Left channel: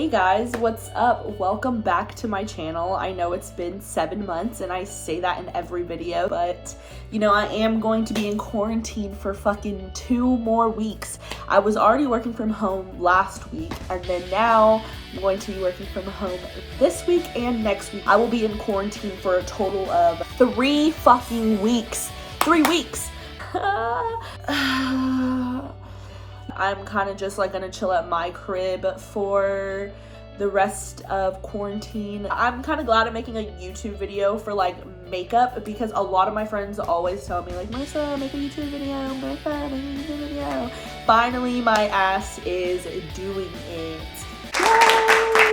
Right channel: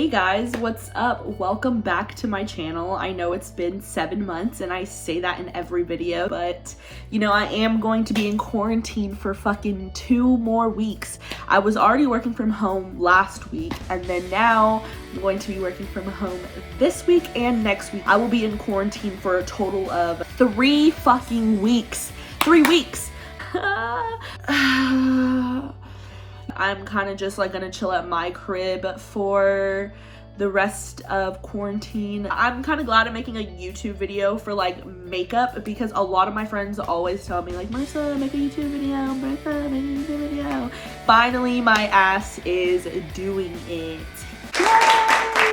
Hey guys, what's up? Welcome back to my channel. I know it's been 7 months and I say that in every video, but you know, I am going to be in quarantine for fucking 2 more weeks. I was already working from home last week, and then now I'm going to be working from home this week and next week. I will be in quarantine for a total of 3 fucking weeks. 3 weeks. I'm kind of just like gonna chill at my crib for the rest of quarantine. I'm kind of glad I'm making a YouTube video for like makeup, because a lot of my friends always tell me like, Marissa, make a YouTube video, Marissa, make a YouTube video. Finally, my ass is doing it. Yay!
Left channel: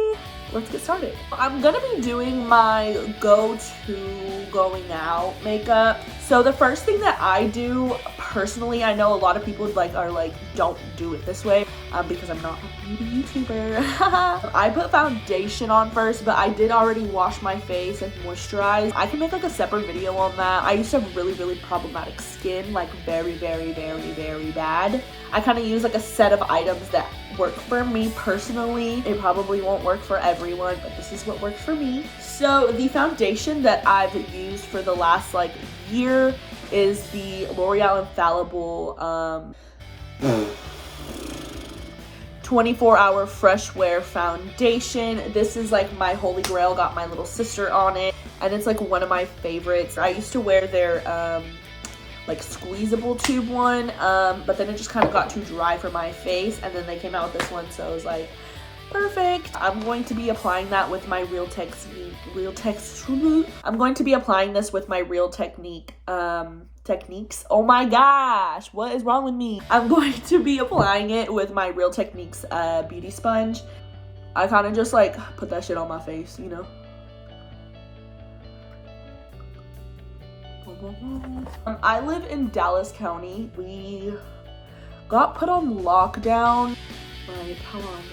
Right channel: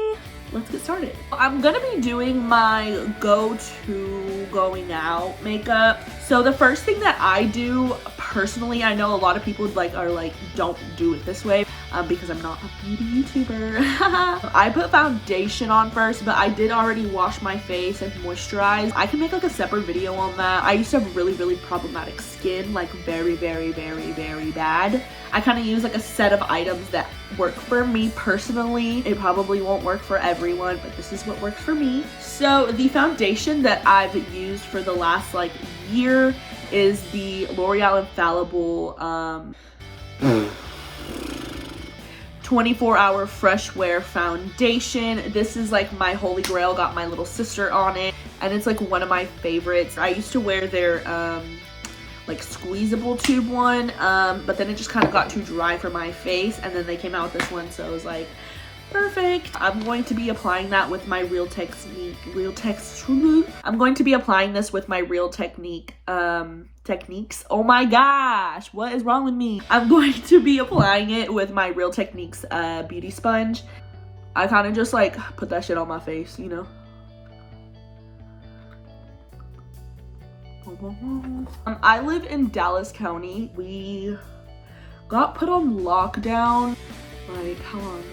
Let's get started. I'm gonna be doing my go-to going out makeup. So the first thing that I do personally, I know a lot of people are like don't do it this way because I'm not a beauty YouTuber. I put foundation on first, but I did already wash my face and moisturize. I can make like a separate video on that. I used to have really problematic skin, like very bad. I kind of use like a set of items that work for me personally. It probably won't work for everyone, but this is what works for me. So the foundation that I've used for the last like year is the L'Oreal Infallible 24-hour fresh wear foundation. This is like my holy grail, got my little sister on it, and it's like one of my favorites. I used to wear their like squeezable tube one, but then it just kind of got too dry for my face, and then they came out with this one, so I was like, perfect. I'm going to be applying that with my I'm going to be applying this with my Real Techniques. Oh my gosh, what is wrong with me? I'm going to be applying it with my Real Techniques beauty sponge. I kind of just like put that shit on my face, you know. I live in Dallas County. We got put on lockdown like how long ago?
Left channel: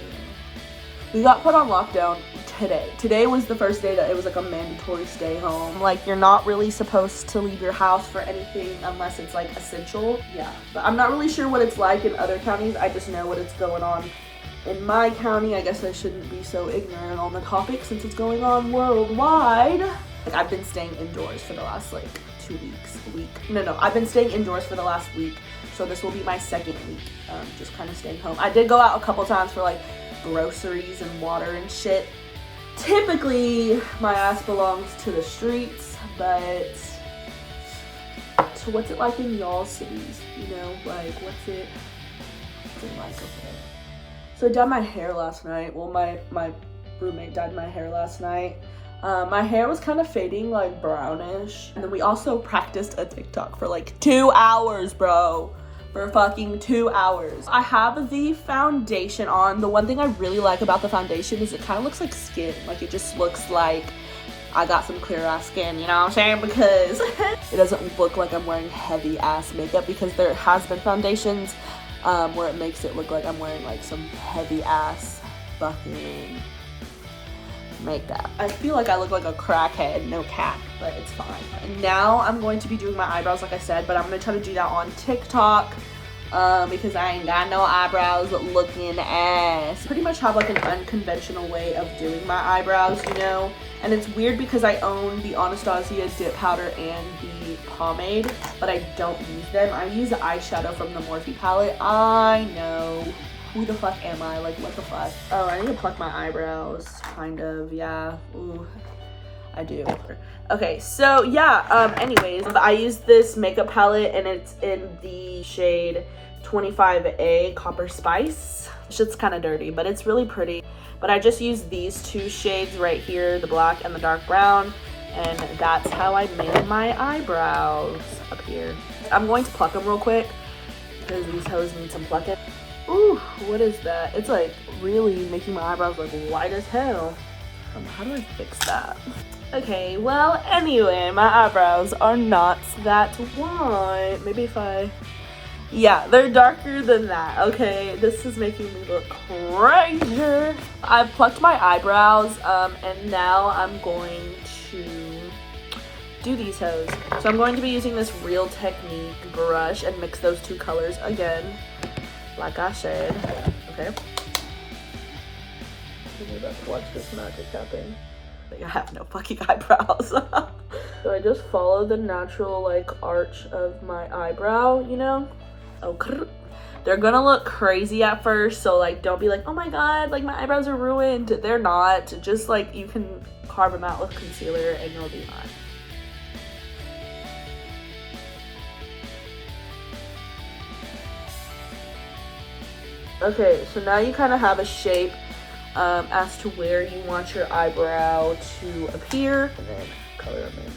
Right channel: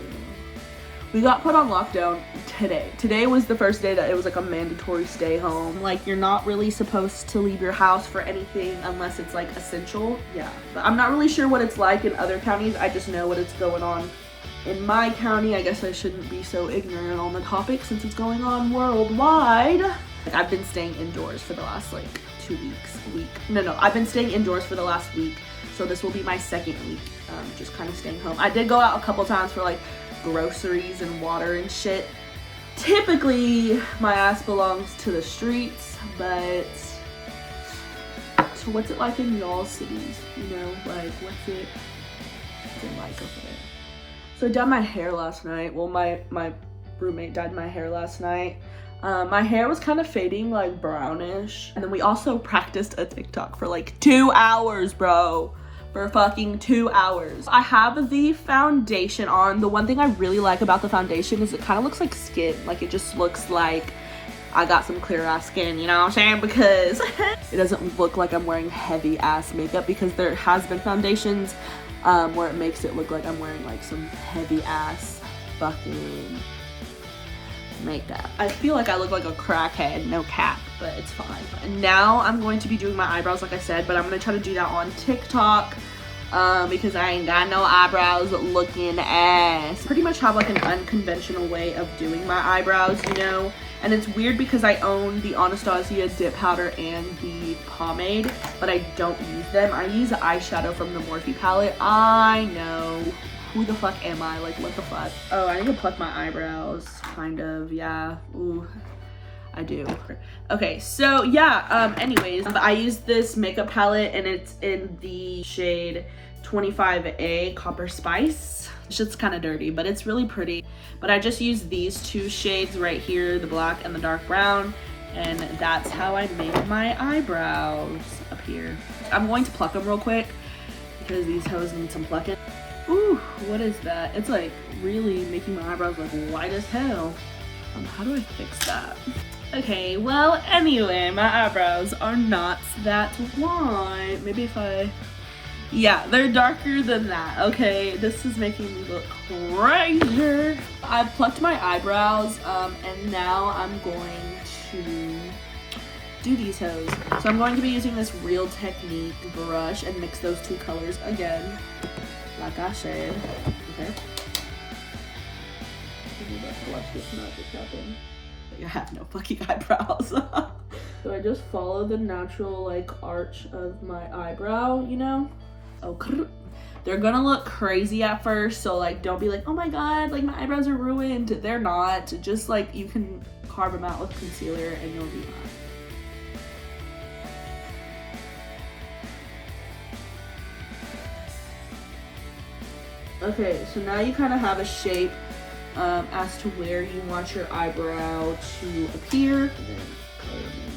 We got put on lockdown today. Today was the first day that it was like a mandatory stay home. Like, you're not really supposed to leave your house for anything unless it's like essential. Yeah, but I'm not really sure what it's like in other counties. I just know what it's going on in my county. I guess I shouldn't be so ignorant on the topic since it's going on worldwide. Like, I've been staying indoors for the last like 2 weeks. I've been staying indoors for the last week. So this will be my second week, just kind of staying home. I did go out a couple times for like groceries and water and shit. Typically my ass belongs to the streets, but so what's it like in y'all's cities, you know? Like what's it like over there? So I dyed my hair last night. Well, my roommate dyed my hair last night. My hair was kind of fading like brownish, and then we also practiced a TikTok for like 2 hours, bro. For fucking 2 hours. I have the foundation on. The one thing I really like about the foundation is it kind of looks like skin. Like, it just looks like I got some clear ass skin, you know what I'm saying? Because it doesn't look like I'm wearing heavy ass makeup, because there has been foundations where it makes it look like I'm wearing like some heavy ass fucking makeup. I feel like I look like a crackhead, no cap, but it's fine. And now I'm going to be doing my eyebrows like I said, but I'm gonna try to do that on TikTok because I ain't got no eyebrows looking ass. Pretty much have like an unconventional way of doing my eyebrows, you know? And it's weird because I own the Anastasia dip powder and the pomade, but I don't use them. I use the eyeshadow from the Morphe palette. I know. Who the fuck am I? Like, what the fuck? Oh, I need to pluck my eyebrows, kind of, yeah. Ooh, I do. Okay, so yeah, anyways, I use this makeup palette and it's in the shade 25A Copper Spice. It's just kind of dirty, but it's really pretty. But I just use these 2 shades right here, the black and the dark brown, and that's how I made my eyebrows up here. I'm going to pluck them real quick because these hoes need some plucking. Ooh, what is that? It's like really making my eyebrows look white as hell. How do I fix that? Okay, well, anyway, my eyebrows are not that white. Maybe if yeah, they're darker than that. Okay, this is making me look crazy. I've plucked my eyebrows, and now I'm going to do these hoes. So I'm going to be using this Real Technique brush and mix those 2 colors again. Like I said, okay. You're about to watch this magic happen. I have no fucking eyebrows. So I just follow the natural like arch of my eyebrow, you know? Oh, they're gonna look crazy at first, so like don't be like, oh my god, like my eyebrows are ruined. They're not. Just like you can carve them out with concealer and you'll be fine. Okay, so now you kind of have a shape as to where you want your eyebrow to appear, and then color them in.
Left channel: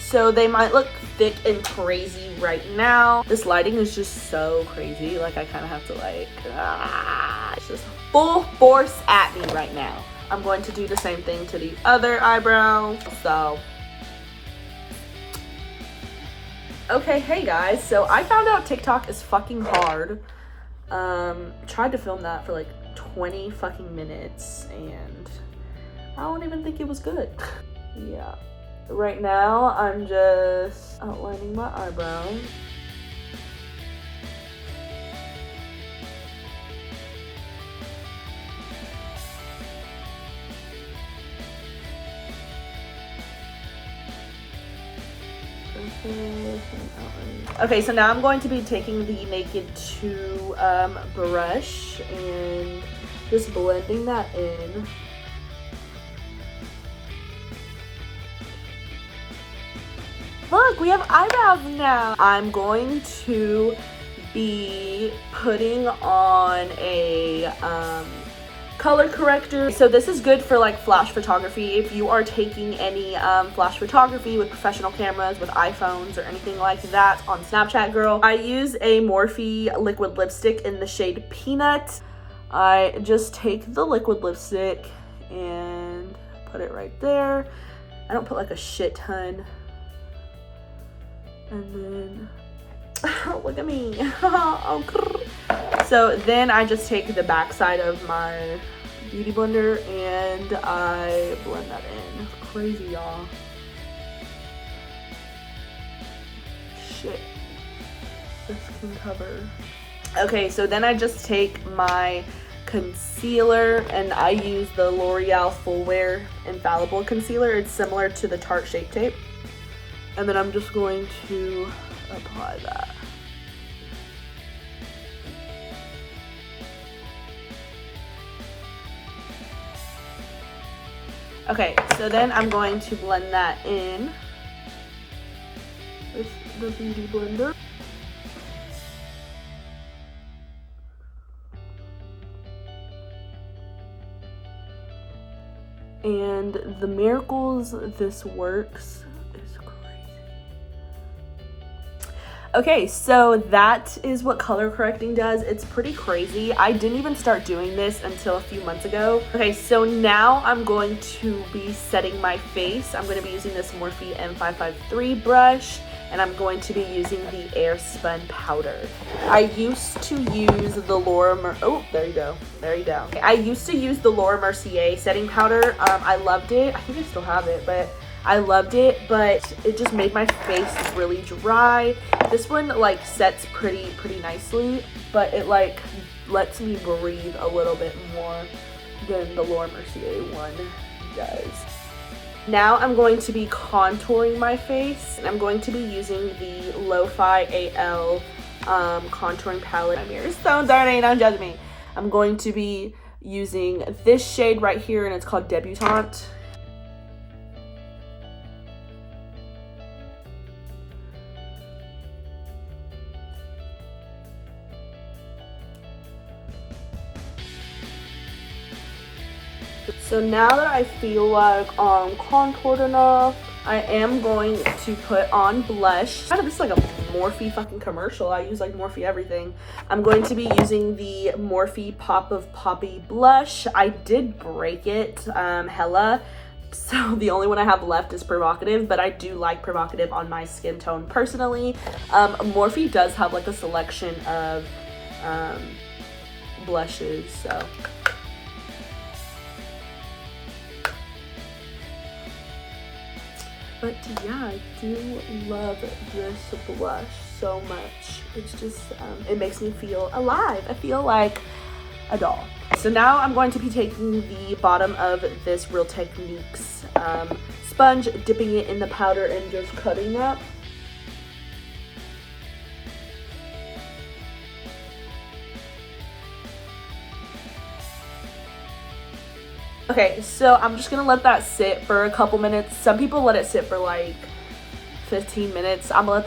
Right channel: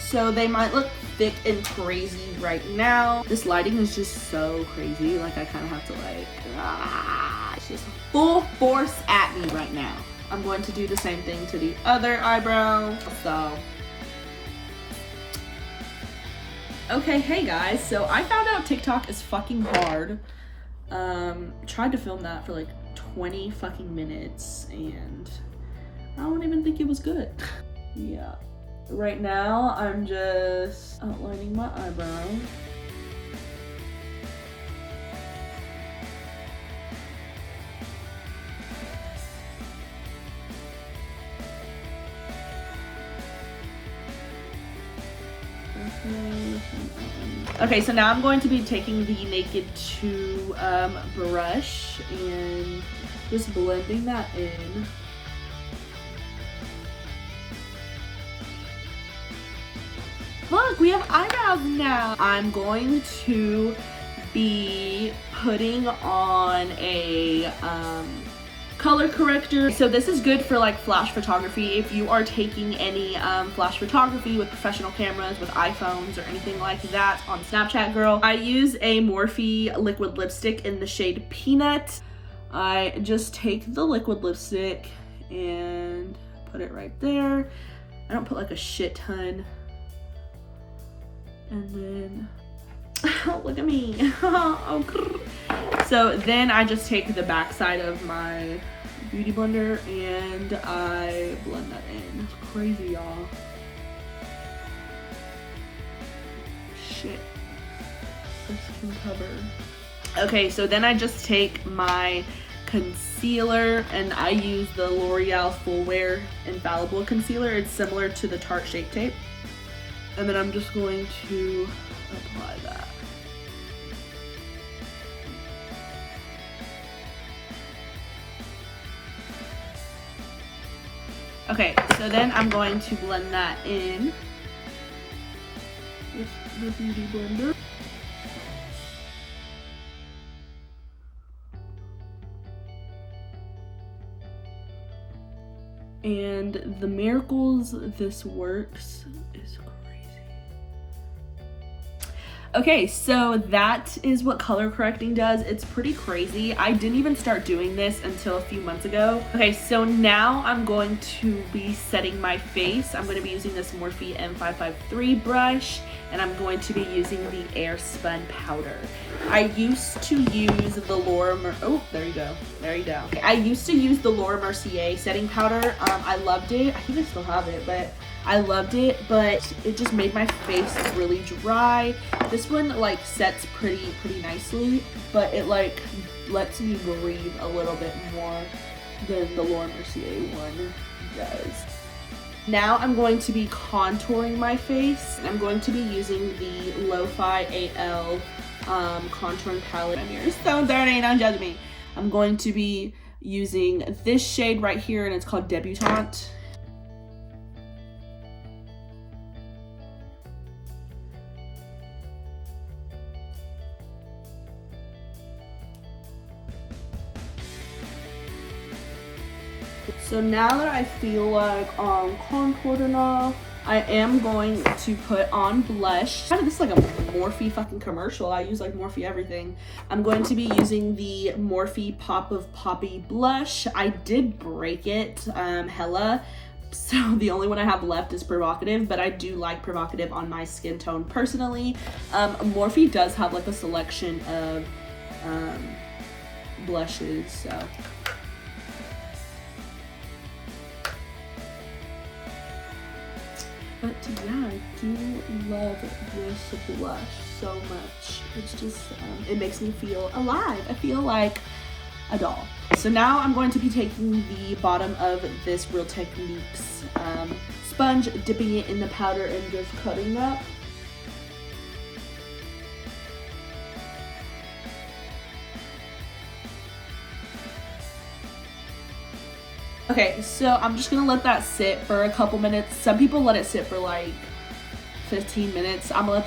So they might look thick and crazy right now. This lighting is just so crazy. Like I kind of have to like, it's just full force at me right now. I'm going to do the same thing to the other eyebrow. So, okay, hey guys. So I found out TikTok is fucking hard. Tried to film that for like 20 fucking minutes and I don't even think it was good. Yeah. Right now, I'm just outlining my eyebrows. Okay, so now I'm going to be taking the Naked 2 brush and just blending that in. Look, we have eyebrows now. I'm going to be putting on a color corrector. So this is good for like flash photography. If you are taking any flash photography with professional cameras, with iPhones or anything like that on Snapchat, girl. I use a Morphe liquid lipstick in the shade Peanut. I just take the liquid lipstick and put it right there. I don't put like a shit ton. And then, oh, look at me. So then I just take the back side of my beauty blender and I blend that in. Crazy, y'all. Shit. This can cover. Okay, so then I just take my concealer and I use the L'Oreal Full Wear Infallible Concealer. It's similar to the Tarte Shape Tape. And then I'm just going to apply that. Okay, so then I'm going to blend that in with the beauty blender. And the miracles this works is crazy. Okay, so that is what color correcting does. It's pretty crazy. I didn't even start doing this until a few months ago. Okay, so now I'm going to be setting my face. I'm going to be using this Morphe M553 brush, and I'm going to be using the Air Spun powder. I used to use the there you go. Okay, I used to use the Laura Mercier setting powder. I loved it. I think I still have it, but I loved it, but it just made my face really dry. This one like sets pretty nicely, but it like lets me breathe a little bit more than the Laura Mercier one does. Now I'm going to be contouring my face. I'm going to be using the Lo-Fi AL contouring palette. My mirror is so dirty, don't judge me. I'm going to be using this shade right here, and it's called Debutante. So now that I feel like I'm contoured enough, I am going to put on blush. Kind of, this is like a Morphe fucking commercial. I use like Morphe everything. I'm going to be using the Morphe Pop of Poppy blush. I did break it hella, so the only one I have left is Provocative, but I do like Provocative on my skin tone personally. Morphe does have like a selection of blushes, so. But yeah, I do love this blush so much. It's just, it makes me feel alive. I feel like a doll. So now I'm going to be taking the bottom of this Real Techniques sponge, dipping it in the powder and just cutting that. Okay, so I'm just gonna let that sit for a couple minutes. Some people let it sit for like 15 minutes. I'm gonna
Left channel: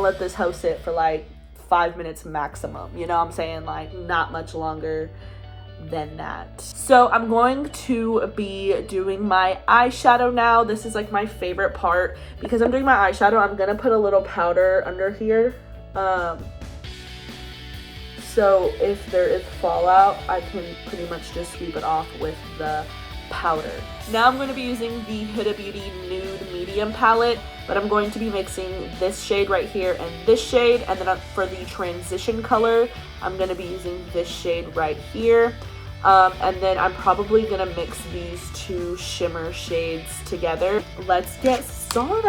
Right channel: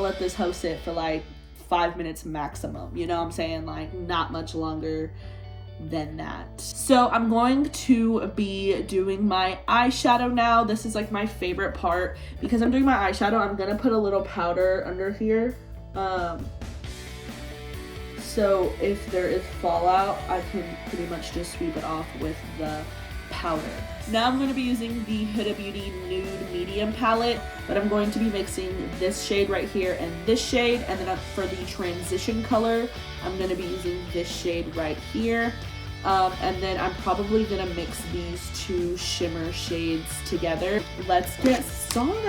let this hoe sit for like 5 minutes maximum. You know what I'm saying? Like not much longer than that. So I'm going to be doing my eyeshadow now. This is like my favorite part. Because I'm doing my eyeshadow, I'm gonna put a little powder under here. So if there is fallout, I can pretty much just sweep it off with the powder. Now I'm going to be using the Huda Beauty Nude Medium palette, but I'm going to be mixing this shade right here and this shade, and then for the transition color, I'm going to be using this shade right here. And then I'm probably going to mix these two shimmer shades together. Let's get started.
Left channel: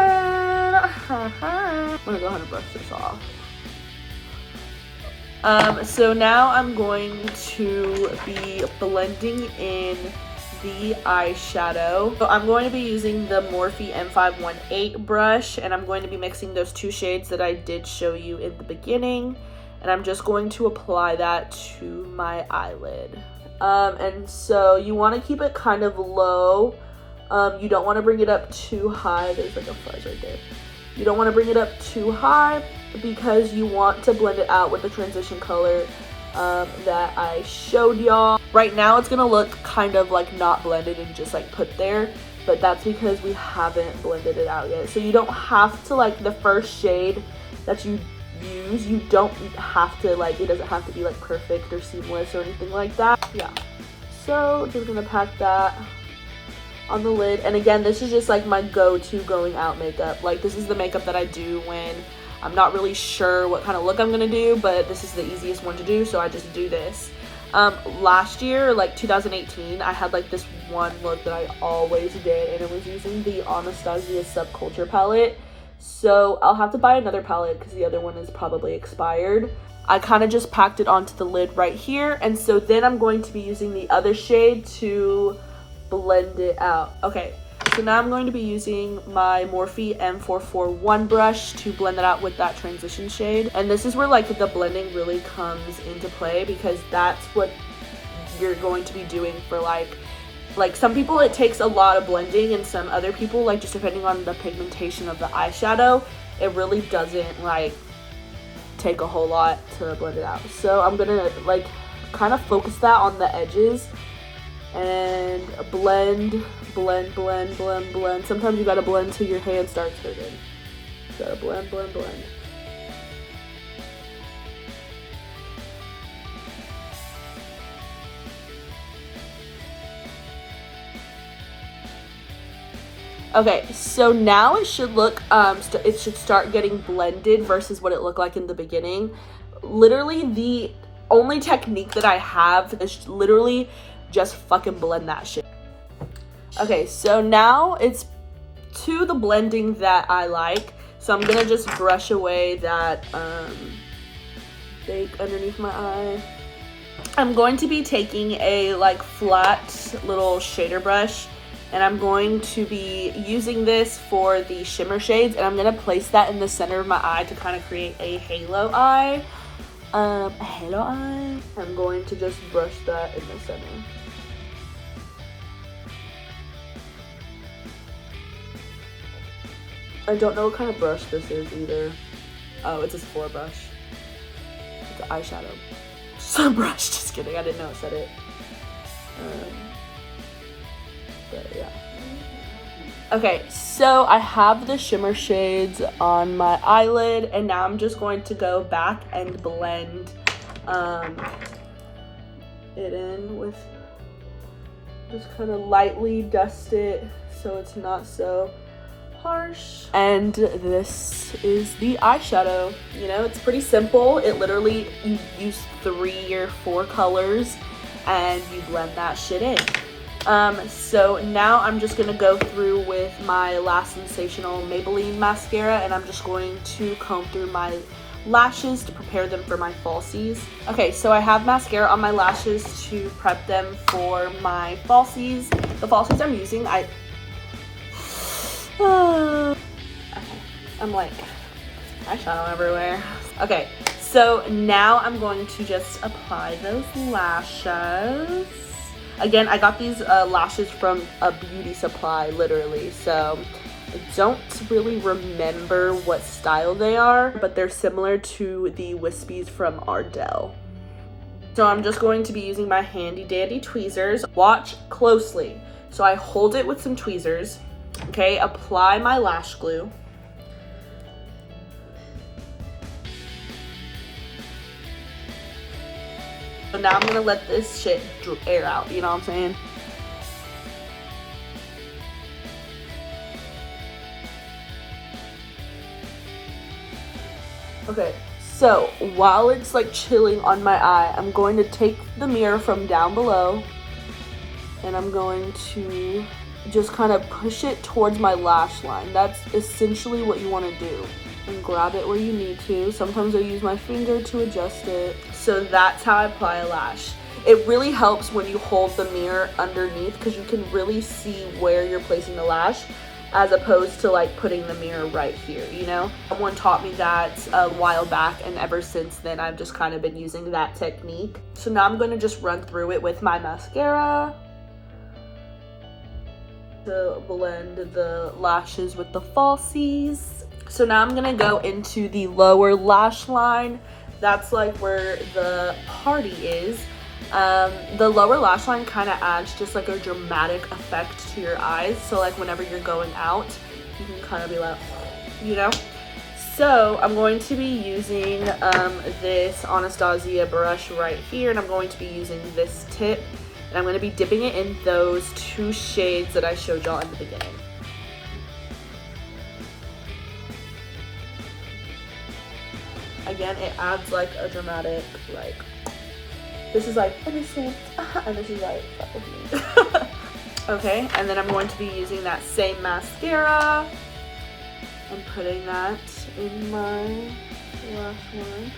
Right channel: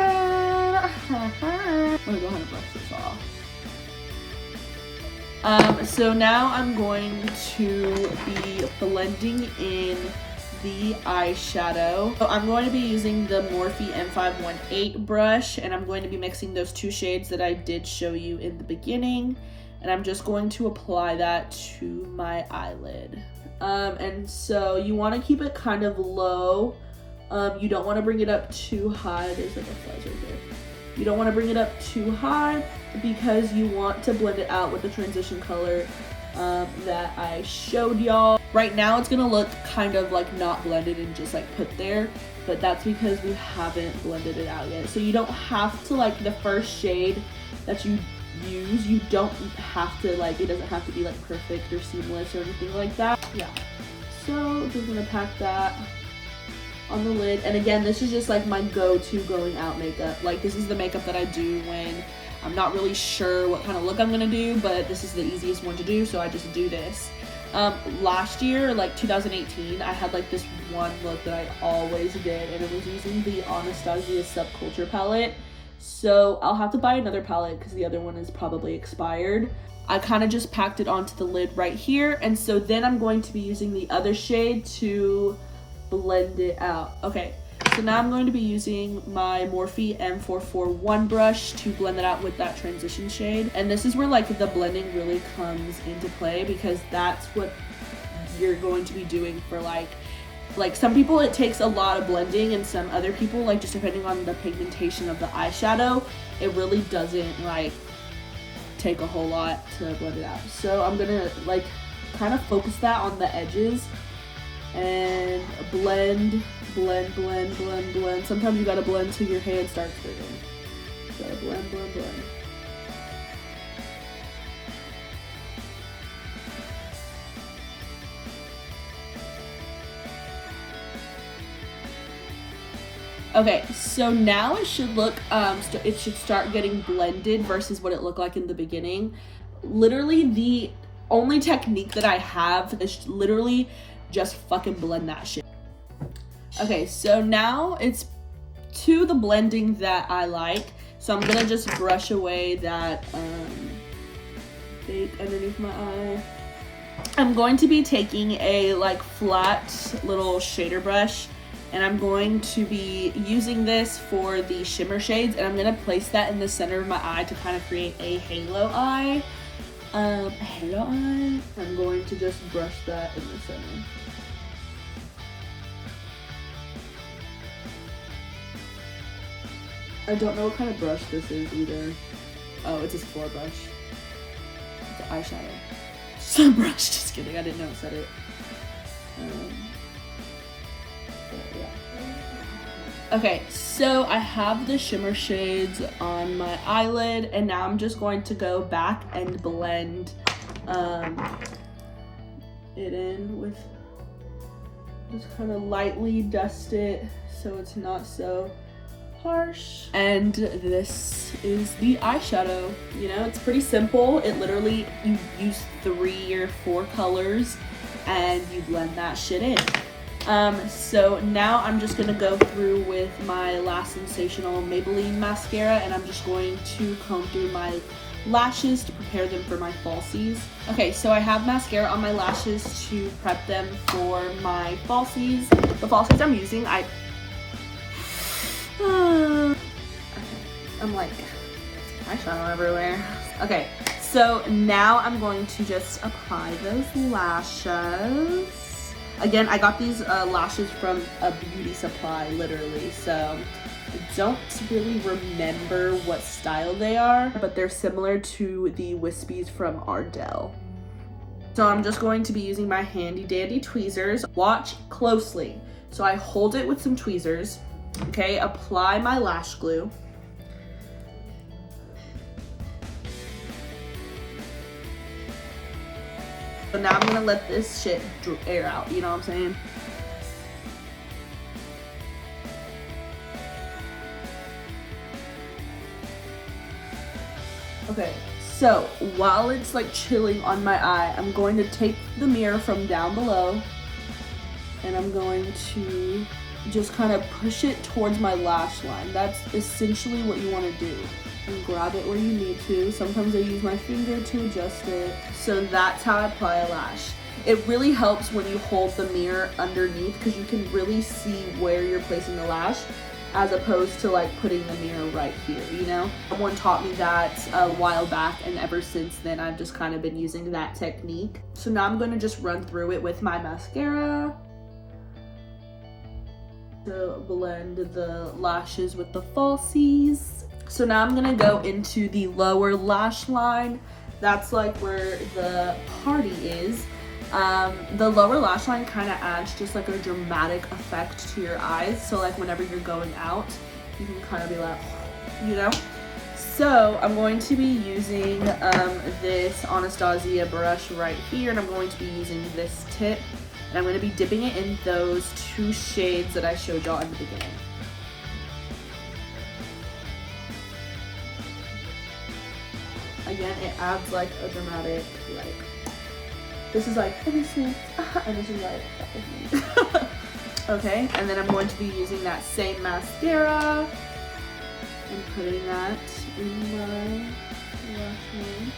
I'm going to go ahead and brush this off. So now I'm going to be blending in the eyeshadow. So I'm going to be using the Morphe M518 brush, and I'm going to be mixing those two shades that I did show you in the beginning, and I'm just going to apply that to my eyelid. And so you want to keep it kind of low. You don't want to bring it up too high. There's like a fuzz right there. You don't want to bring it up too high because you want to blend it out with the transition color that I showed y'all. Right now it's gonna look kind of like not blended and just like put there, but that's because we haven't blended it out yet. So you don't have to, like, the first shade that you use, you don't have to, like, it doesn't have to be like perfect or seamless or anything like that. Yeah, so just gonna pack that on the lid. And again, this is just like my go-to going out makeup. Like, this is the makeup that I do when I'm not really sure what kind of look I'm gonna do, but this is the easiest one to do, so I just do this. Last year, like 2018, I had like this one look that I always did, and it was using the Anastasia Subculture palette. So I'll have to buy another palette because the other one is probably expired. I kind of just packed it onto the lid right here, and so then I'm going to be using the other shade to blend it out. Okay, so now I'm going to be using my Morphe M441 brush to blend it out with that transition shade. And this is where like the blending really comes into play, because that's what you're going to be doing for like some people it takes a lot of blending, and some other people, like, just depending on the pigmentation of the eyeshadow, it really doesn't like take a whole lot to blend it out. So I'm gonna like kind of focus that on the edges and blend. Sometimes you gotta blend till your hand starts hurting. You gotta blend. Okay, so now it should look, it should start getting blended versus what it looked like in the beginning. Literally, the only technique that I have is literally just fucking blend that shit. Okay, so now it's to the blending that I like. So I'm gonna just brush away that bake underneath my eye. I'm going to be taking a like flat little shader brush, and I'm going to be using this for the shimmer shades, and I'm gonna place that in the center of my eye to kind of create a halo eye. I'm going to just brush that in the center. I don't know what kind of brush this is either. Oh, it's a Sephora brush. It's an eyeshadow. Some brush, just kidding. I didn't know it said it. But yeah. Okay, so I have the shimmer shades on my eyelid, and now I'm just going to go back and blend it in with, just kind of lightly dust it so it's not so harsh. And this is the eyeshadow. You know, it's pretty simple. It literally, you use 3 or 4 colors and you blend that shit in. So now I'm just gonna go through with my last sensational Maybelline mascara, and I'm just going to comb through my lashes to prepare them for my falsies. Okay, so I have mascara on my lashes to prep them for my falsies. The falsies I'm using, I'm like eyeshadow everywhere. Okay, so now I'm going to just apply those lashes. Again, I got these lashes from a beauty supply, literally, so I don't really remember what style they are, but they're similar to the wispies from Ardell. So I'm just going to be using my handy dandy tweezers. Watch closely. So I hold it with some tweezers, okay, apply my lash glue. So now I'm gonna let this shit air out, you know what I'm saying? Okay, so while it's like chilling on my eye, I'm going to take the mirror from down below and I'm going to just kind of push it towards my lash line. That's essentially what you want to do. And grab it where you need to. Sometimes I use my finger to adjust it. So that's how I apply a lash. It really helps when you hold the mirror underneath because you can really see where you're placing the lash, as opposed to like putting the mirror right here, you know? Someone taught me that a while back, and ever since then I've just kind of been using that technique. So now I'm gonna just run through it with my mascara to blend the lashes with the falsies. So now I'm gonna go into the lower lash line. That's like where the party is. The lower lash line kind of adds just like a dramatic effect to your eyes. So like whenever you're going out, you can kind of be like, you know? So I'm going to be using this Anastasia brush right here, and I'm going to be using this tip, and I'm going to be dipping it in those two shades that I showed y'all in the beginning. Again, it adds like a dramatic, like, this is like innocent, and this is like, that was me. Okay, and then I'm going to be using that same mascara and putting that in my lash line.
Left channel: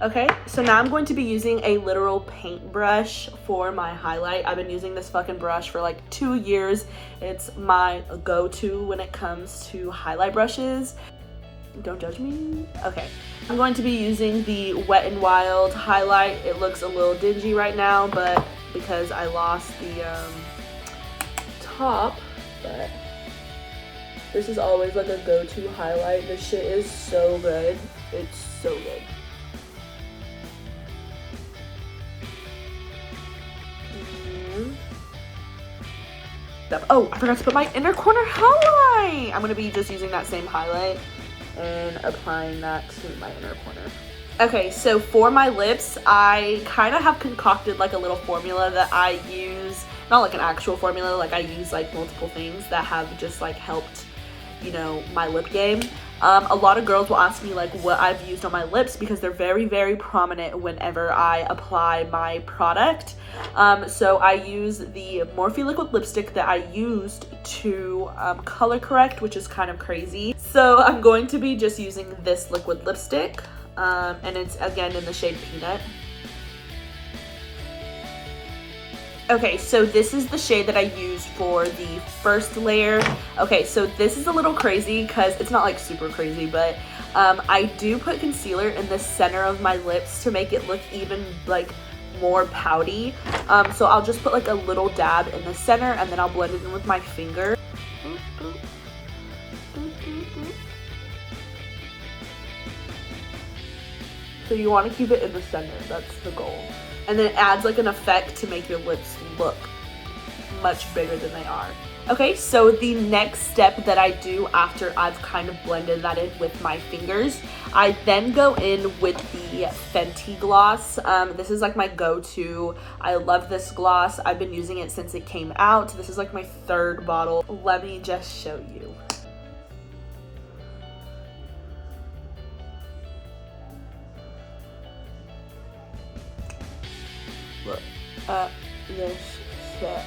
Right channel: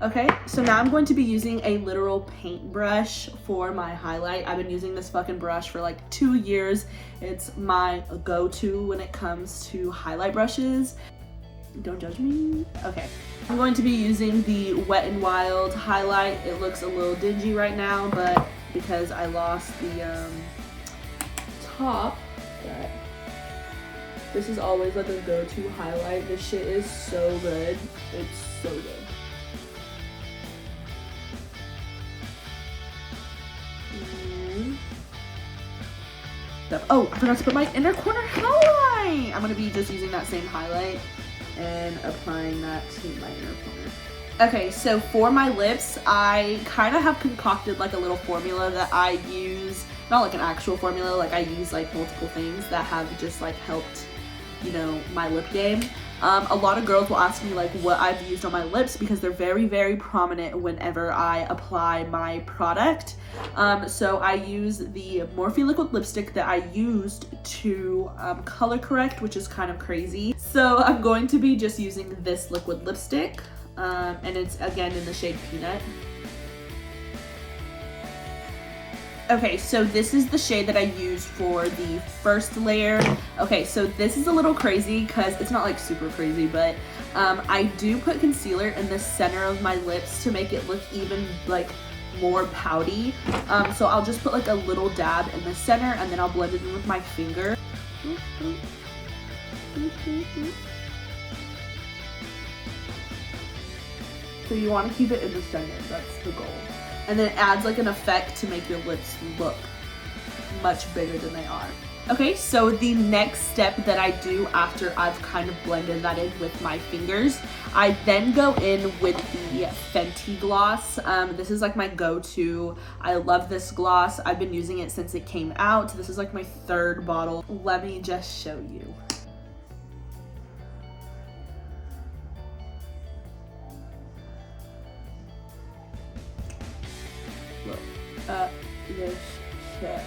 Okay, so now I'm going to be using a literal paintbrush for my highlight. I've been using this fucking brush for like 2 years. It's my go-to when it comes to highlight brushes. Don't judge me. Okay, I'm going to be using the Wet n Wild highlight. It looks a little dingy right now, but because I lost the top, but this is always like a go-to highlight. This shit is so good. It's so good. Oh, I forgot to put my inner corner highlight. I'm gonna be just using that same highlight and applying that to my inner corner. Okay, so for my lips, I kind of have concocted like a little formula that I use, not like an actual formula, like I use like multiple things that have just like helped, you know, my lip game. A lot of girls will ask me like what I've used on my lips because they're very, very prominent whenever I apply my product. So I use the Morphe liquid lipstick that I used to color correct, which is kind of crazy. So I'm going to be just using this liquid lipstick, and it's again in the shade Peanut. Okay, so this is the shade that I used for the first layer. Okay, so this is a little crazy because it's not like super crazy, but I do put concealer in the center of my lips to make it look even like more pouty. So I'll just put like a little dab in the center and then I'll blend it in with my finger. So you want to keep it in the center, that's the goal. And then it adds like an effect to make your lips look much bigger than they are. Okay, so the next step that I do after I've kind of blended that in with my fingers, I then go in with the Fenty Gloss. This is like my go-to. I love this gloss. I've been using it since it came out. This is like my 3rd bottle. Let me just show you. Look at this shit.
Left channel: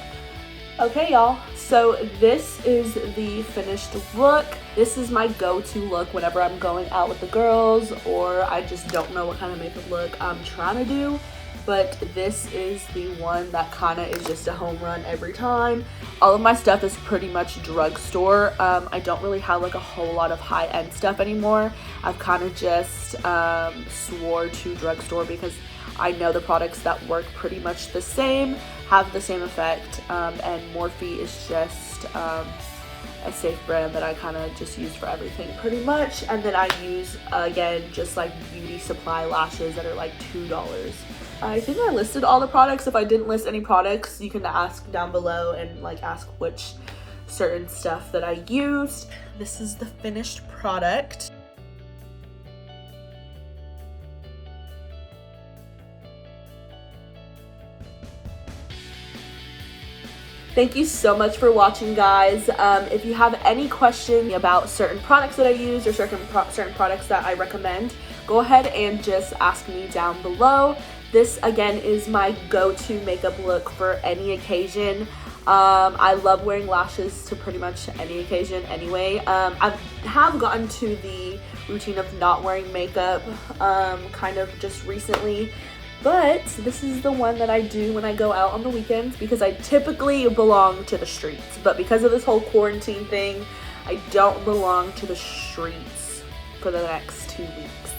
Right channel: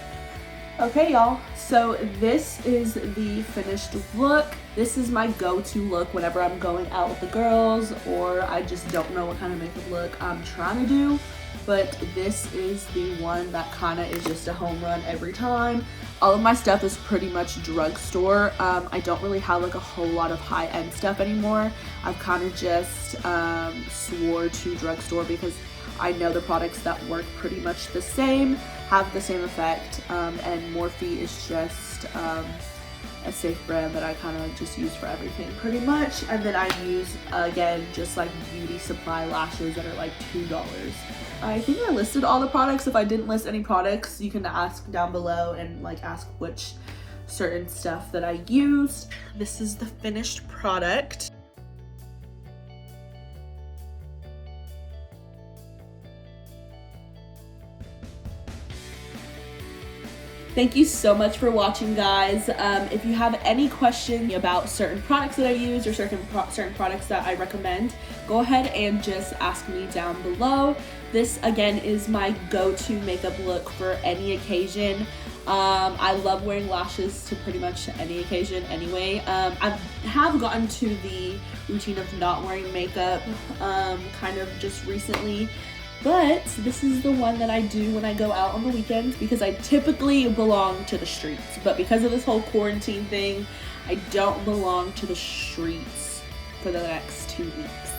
Okay, y'all, so this is the finished look. This is my go-to look whenever I'm going out with the girls or I just don't know what kind of makeup look I'm trying to do. But this is the one that kind of is just a home run every time. All of my stuff is pretty much drugstore. I don't really have like a whole lot of high-end stuff anymore. I've kind of just swore to drugstore because I know the products that work pretty much the same, have the same effect, and Morphe is just a safe brand that I kind of just use for everything pretty much. And then I use, again, just like beauty supply lashes that are like $2. I think I listed all the products. If I didn't list any products, you can ask down below and like ask which certain stuff that I used. This is the finished product. Thank you so much for watching, guys. If you have any questions about certain products that I use or certain products that I recommend, go ahead and just ask me down below. This, again, is my go-to makeup look for any occasion. I love wearing lashes to pretty much any occasion anyway. I have gotten to the routine of not wearing makeup kind of just recently. But this is the one that I do when I go out on the weekends because I typically belong to the streets. But because of this whole quarantine thing, I don't belong to the streets for the next 2 weeks.